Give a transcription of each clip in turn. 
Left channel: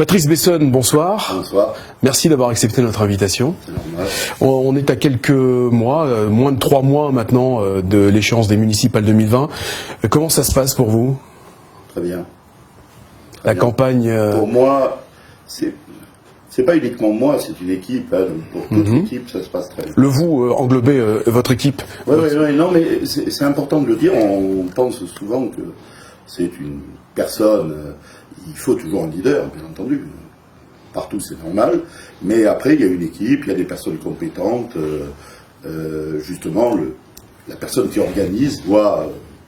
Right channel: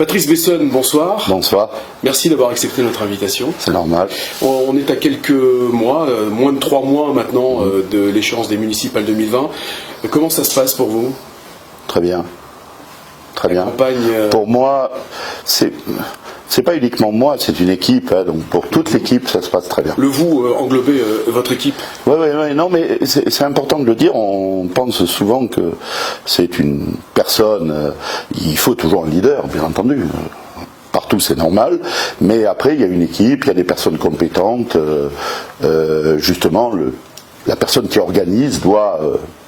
Patrice Besson, bonsoir. Bonsoir. Merci d'avoir accepté notre invitation. C'est normal. On est à quelques mois, moins de 3 mois maintenant de l'échéance des municipales 2020. Comment ça se passe pour vous? Très bien. La campagne... Pour moi, c'est pas uniquement moi, c'est une équipe. Donc pour toute l'équipe, ça se passe très bien. Le vous englobez votre équipe? Oui, non, mais c'est important de le dire. On pense souvent que c'est une personne. Il faut toujours un leader, bien entendu. Partout, c'est normal. Mais après, il y a une équipe, il y a des personnes compétentes. Justement, la personne qui organise doit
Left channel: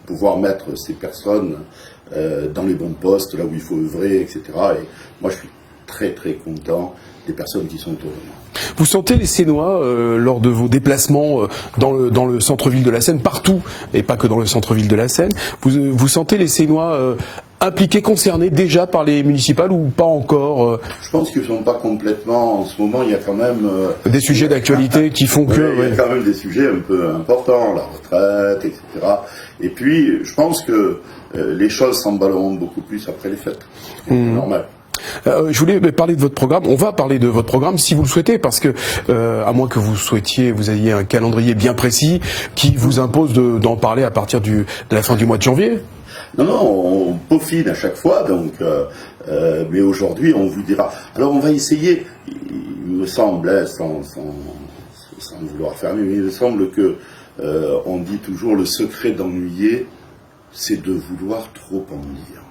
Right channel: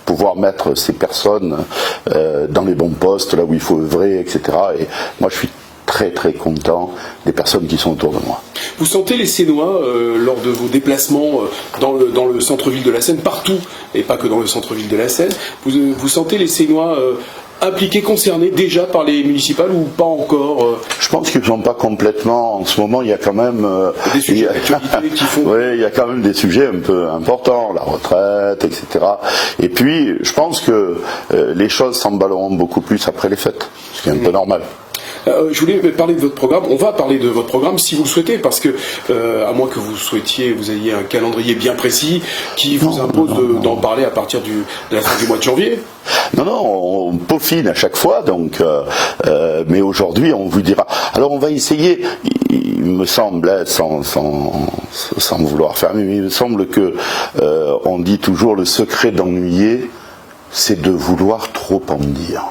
pouvoir mettre ces personnes dans les bons postes, là où il faut œuvrer, etc. Et moi, je suis très content des personnes qui sont autour de moi. Vous sentez les Sénois lors de vos déplacements dans le centre-ville de la Seine, partout, et pas que dans le centre-ville de la Seine, vous sentez les Sénois impliqués, concernés déjà par les municipales ou pas encore Je pense qu'ils ne sont pas complètement. En ce moment, il y a quand même des sujets d'actualité qui font que... il y a quand même des sujets un peu importants, la retraite, etc. Et puis, je pense que les choses s'emballeront beaucoup plus après les fêtes, ce qui est un peu normal. Je voulais parler de votre programme. On va parler de votre programme si vous le souhaitez, parce que, à moins que vous ayez un calendrier bien précis qui vous impose d'en parler à partir de la fin du mois de janvier. Non, on peaufine à chaque fois, donc, mais aujourd'hui, on vous dira. Alors, on va essayer, il me semble, sans vouloir fermer, mais il me semble que on dit toujours le secret d'ennuyer, c'est de vouloir trop en dire.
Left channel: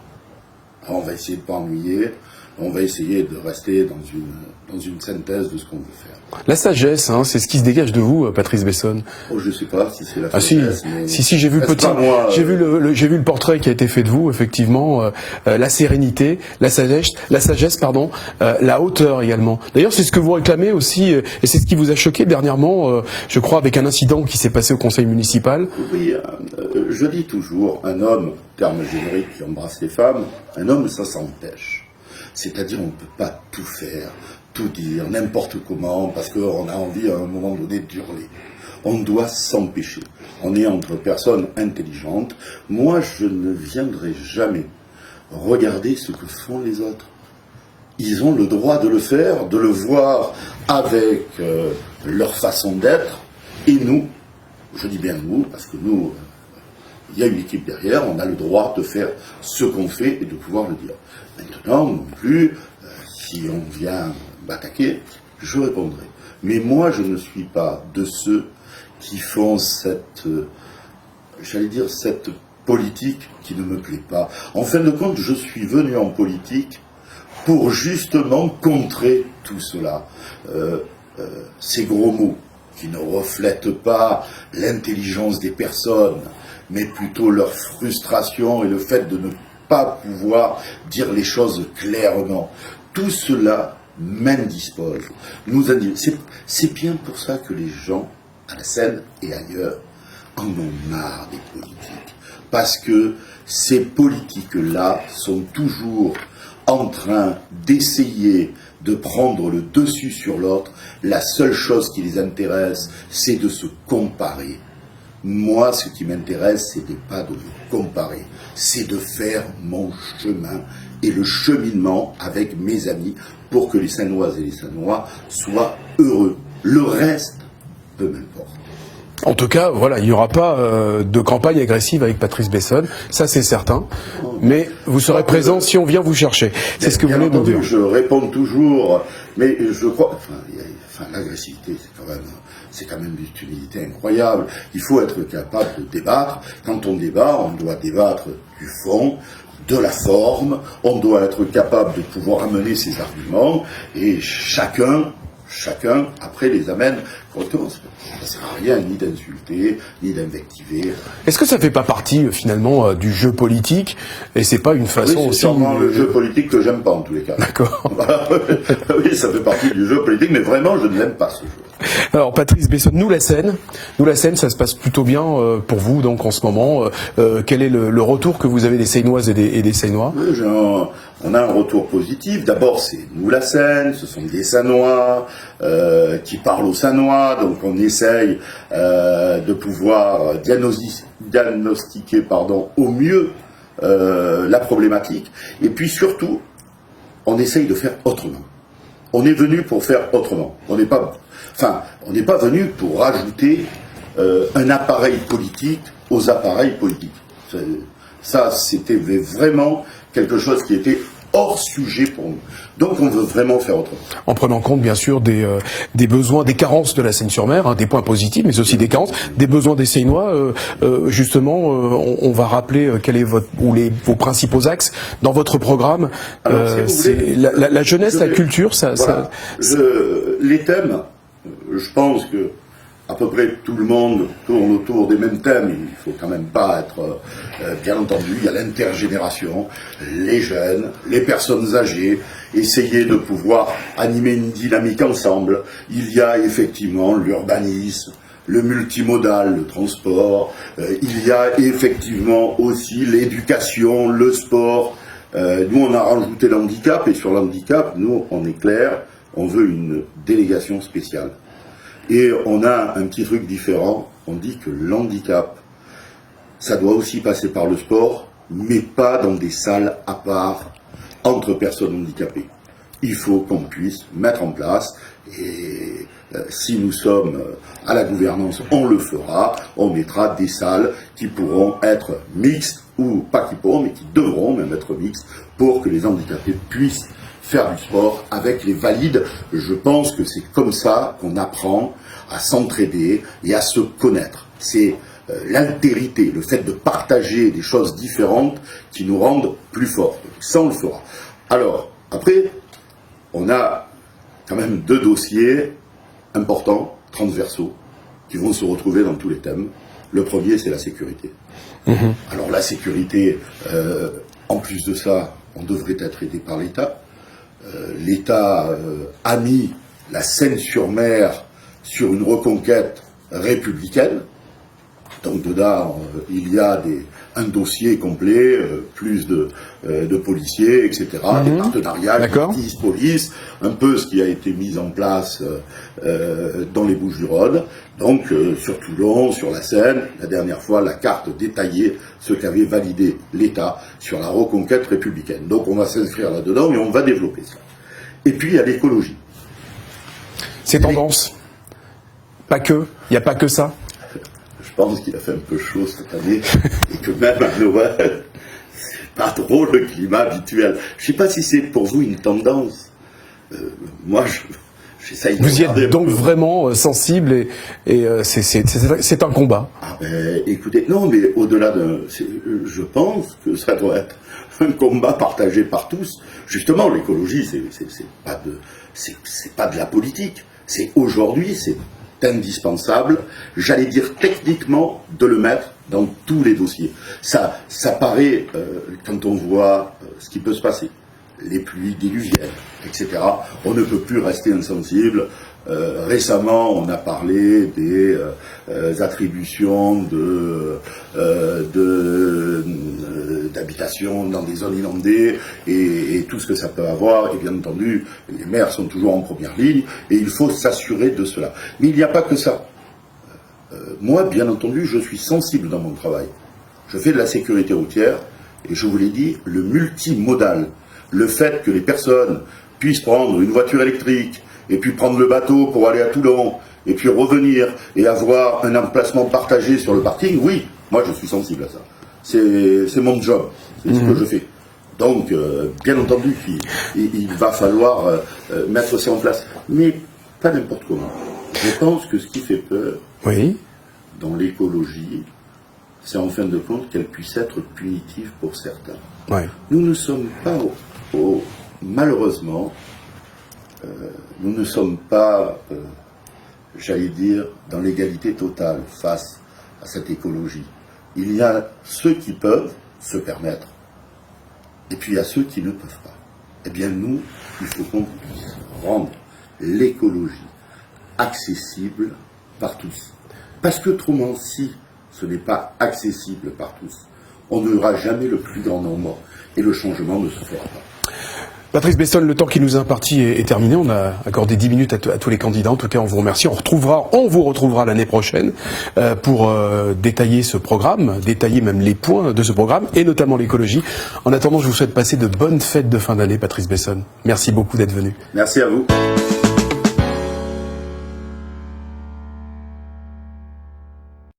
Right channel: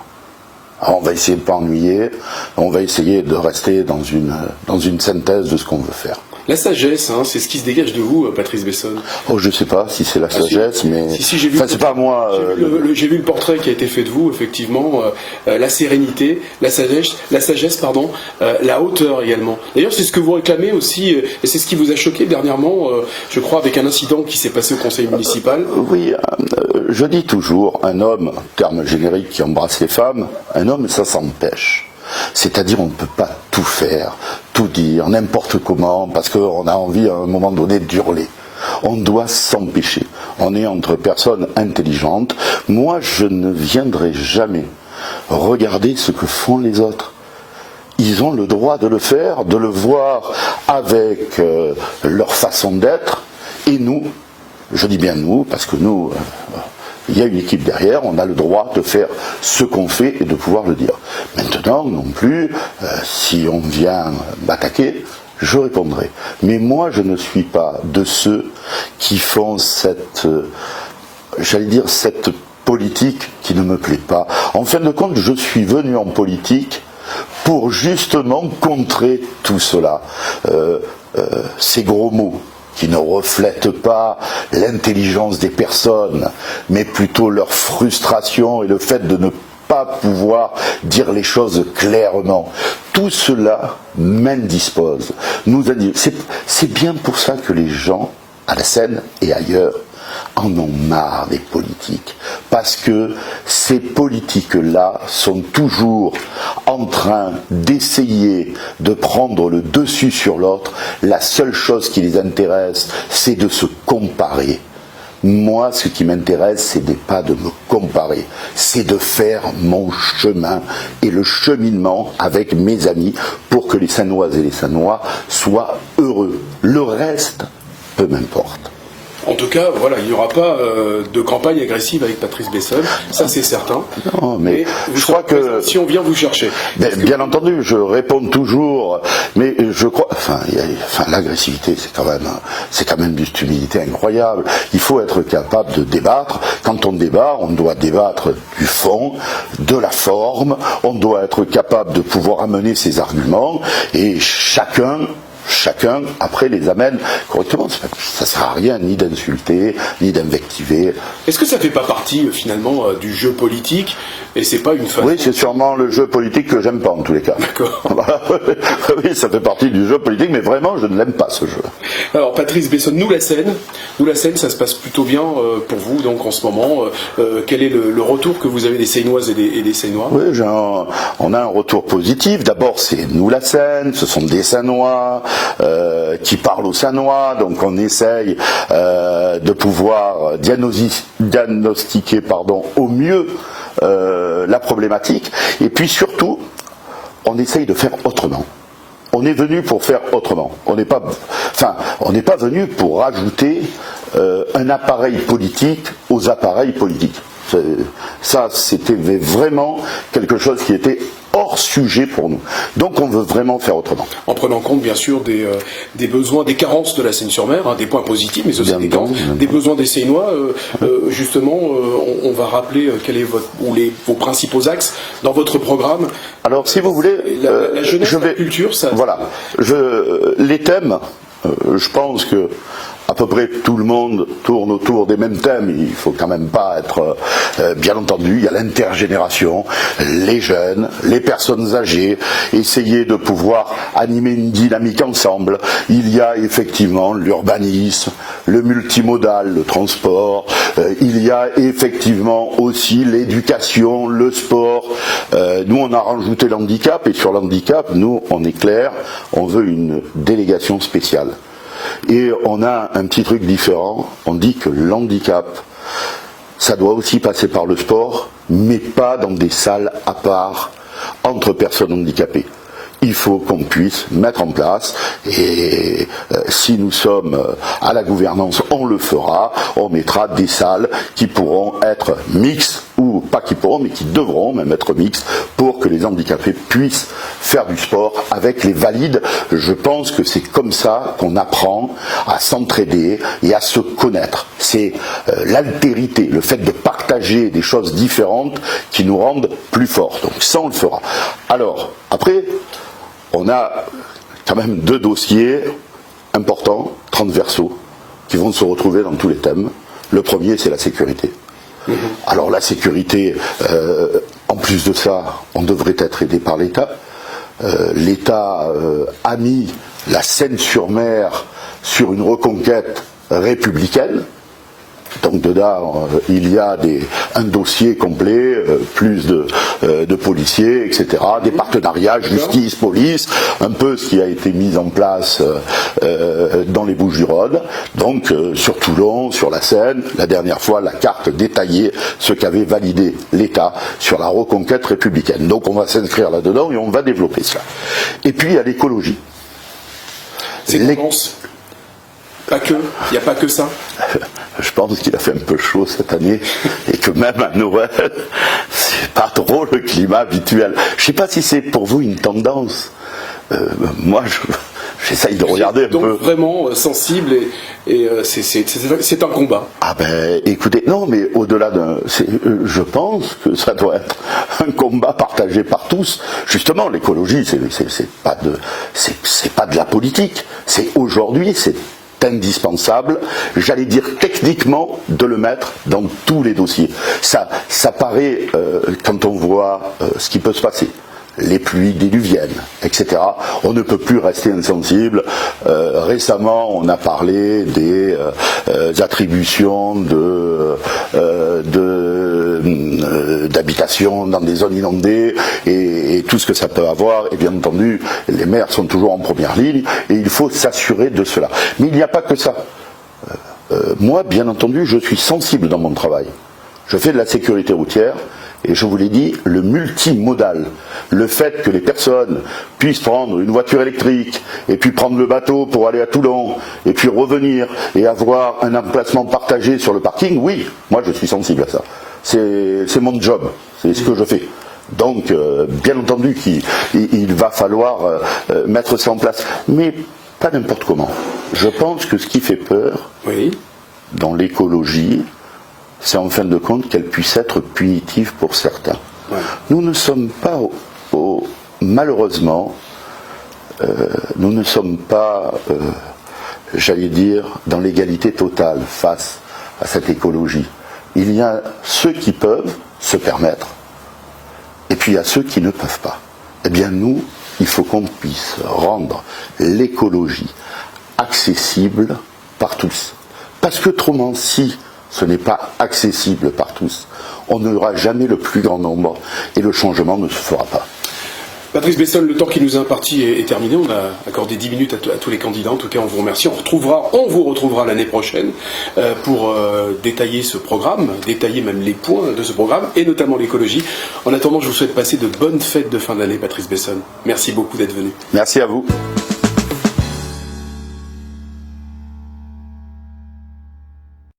Alors on va essayer de ne pas ennuyer, on va essayer de rester dans une synthèse de ce qu'on veut faire. La sagesse, c'est ce qui se dégage de vous, Patrice Besson. Oh, je sais pas si c'est la sagesse, mais... Si, j'ai vu le portrait qui a été fait de vous, effectivement, la sérénité, la sagesse, la hauteur également. D'ailleurs, c'est ce que vous réclamez aussi, et c'est ce qui vous a choqué dernièrement, je crois, avec un incident qui s'est passé au conseil municipal. Oui, je dis toujours, un homme, terme générique qui embrasse les femmes, un homme, ça s'empêche. C'est-à-dire on ne peut pas tout faire, tout dire, n'importe comment, parce qu'on a envie à un moment donné d'hurler. On doit s'empêcher. On est entre personnes intelligentes. Moi, je ne viendrai jamais regarder ce que font les autres. Ils ont le droit de le faire, de le voir avec leur façon d'être. Et nous, je dis bien nous, parce que nous... il y a une équipe derrière, on a le droit de faire ce qu'on fait et de pouvoir le dire. Maintenant, non plus, si on vient m'attaquer, je répondrai. Mais moi, je ne suis pas de ceux qui font cette politique qui ne me plaît pas. En fin de compte, je suis venu en politique pour justement contrer tout cela. Ces gros mots qui ne reflètent pas l'intelligence des personnes, mais plutôt leur frustration et le fait de ne pas pouvoir dire les choses clairement. Tout cela m'indispose. C'est bien pour ça que les gens, à la Seine et ailleurs, en ont marre des politiques. Parce que ces politiques-là sont toujours en train d'essayer de prendre le dessus sur l'autre. La seule chose qui les intéresse, c'est de se comparer. Moi, ce qui m'intéresse, ce n'est pas de me comparer, c'est de faire mon chemin et le cheminement avec mes amis pour que les Sannoises et les Sannois soient heureux. Le reste, peu m'importe. En tout cas, voilà, il n'y aura pas de campagne agressive avec Patrice Besson, ça c'est certain. Non, mais vous serez présent si on vient vous chercher. Bien entendu, je réponds toujours, mais je crois, l'agressivité, c'est quand même d'une stupidité incroyable. Il faut être capable de débattre. Quand on débat, on doit débattre du fond, de la forme. On doit être capable de pouvoir amener ses arguments et chacun après les amène correctement. Ça ne sert à rien ni d'insulter, ni d'invectiver. Est-ce que ça ne fait pas partie finalement du jeu politique et c'est pas une façon... Oui, c'est sûrement le jeu politique que j'aime pas en tous les cas. D'accord. Oui, ça fait partie du jeu politique, mais vraiment je ne l'aime pas ce jeu. Alors Patrice Besson, nous la Seine, ça se passe plutôt bien pour vous donc en ce moment. Quel est le retour que vous avez des Sénoises et des Sénois? Oui, on a un retour positif. D'abord c'est nous la Seine, ce sont des Sannois qui parlent aux Sannois, donc on essaye de pouvoir diagnostiquer au mieux la problématique. Et puis surtout, on essaye de faire autrement. On est venu pour faire autrement. On n'est pas venu pour rajouter un appareil politique aux appareils politiques. Ça, c'était vraiment quelque chose qui était hors sujet pour nous. Donc on veut vraiment faire autrement. En prenant compte bien sûr des besoins, des carences de la Seine-sur-Mer, hein, des points positifs, mais aussi des carences, des besoins des Seinois. Justement, on va rappeler quels est vos principaux axes dans votre programme. Alors si vous voulez, la jeunesse, la culture, les thèmes, je pense que à peu près tout le monde tourne autour des mêmes thèmes. Il faut quand même pas être... bien entendu, il y a l'intergénération, les jeunes, les personnes âgées, essayer de pouvoir animer une dynamique ensemble. Il y a effectivement l'urbanisme, le multimodal, le transport. Il y a effectivement aussi l'éducation, le sport. Nous, on a rajouté l'handicap, et sur l'handicap, nous, on est clair, on veut une délégation spéciale. Et on a un petit truc différent, on dit que l'handicap, ça doit aussi passer par le sport, mais pas dans des salles à part, entre personnes handicapées. Il faut qu'on puisse mettre en place, et si nous sommes à la gouvernance, on le fera, on mettra des salles qui pourront être mixtes, ou pas qui pourront, mais qui devront même être mixtes, pour que les handicapés puissent faire du sport avec les valides. Je pense que c'est comme ça qu'on apprend à s'entraider et à se connaître. C'est l'altérité, le fait de partager des choses différentes qui nous rendent plus forts. Donc ça, on le fera. Alors, après... on a quand même 2 dossiers importants, transversaux, qui vont se retrouver dans tous les thèmes. Le premier, c'est la sécurité. Alors la sécurité, en plus de ça, on devrait être aidé par l'État. L'État a mis la Seine-sur-Mer sur une reconquête républicaine. Donc dedans, il y a un dossier complet, plus de policiers, etc., des partenariats, justice, police, un peu ce qui a été mis en place dans les Bouches-du-Rhône. Donc sur Toulon, sur la Seine, la dernière fois, la carte détaillait ce qu'avait validé l'État sur la reconquête républicaine. Donc on va s'inscrire là-dedans et on va développer cela. Et puis il y a l'écologie. C'est tendance. Pas que, il n'y a pas que ça. Je pense qu'il a fait un peu chaud cette année et que même à Noël, c'est pas trop le climat habituel. Je sais pas si c'est pour vous une tendance. Moi, j'essaye de regarder un peu. Vous êtes donc vraiment sensible et c'est un combat. Ah ben, écoutez, non, mais au-delà je pense que ça doit être un combat partagé par tous. Justement, l'écologie, c'est pas de la politique. C'est aujourd'hui, c'est indispensable, j'allais dire techniquement, de le mettre dans tous les dossiers. Ça paraît, quand on voit ce qui peut se passer, les pluies diluviennes, etc. On ne peut plus rester insensible. Récemment, on a parlé des attributions d'habitation dans des zones inondées et tout ce que ça peut avoir. Et bien entendu, les maires sont toujours en première ligne et il faut s'assurer de cela. Mais il n'y a pas que ça. Moi, bien entendu, je suis sensible dans mon travail. Je fais de la sécurité routière. Et je vous l'ai dit, le multimodal, le fait que les personnes puissent prendre une voiture électrique, et puis prendre le bateau pour aller à Toulon, et puis revenir, et avoir un emplacement partagé sur le parking, oui, moi je suis sensible à ça. C'est mon job, c'est ce que je fais. Donc, bien entendu qu'il va falloir mettre ça en place. Mais pas n'importe comment. Je pense que ce qui fait peur, dans l'écologie, c'est en fin de compte qu'elle puisse être punitive pour certains. Ouais. Nous ne sommes pas, malheureusement, nous ne sommes pas, j'allais dire, dans l'égalité totale face à cette écologie. Il y a ceux qui peuvent se permettre, et puis il y a ceux qui ne peuvent pas. Eh bien nous, il faut qu'on puisse rendre l'écologie accessible par tous. Parce que autrement, si ce n'est pas accessible par tous, on n'aura jamais le plus grand nombre et le changement ne se fera pas. Patrice Bessol, le temps qui nous est imparti est terminé. On a accordé 10 minutes à tous les candidats. En tout cas, on vous remercie. On vous retrouvera l'année prochaine pour détailler ce programme, détailler même les points de ce programme, et notamment l'écologie. En attendant, je vous souhaite passer de bonnes fêtes de fin d'année, Patrice Bessol. Merci beaucoup d'être venu. Merci à vous.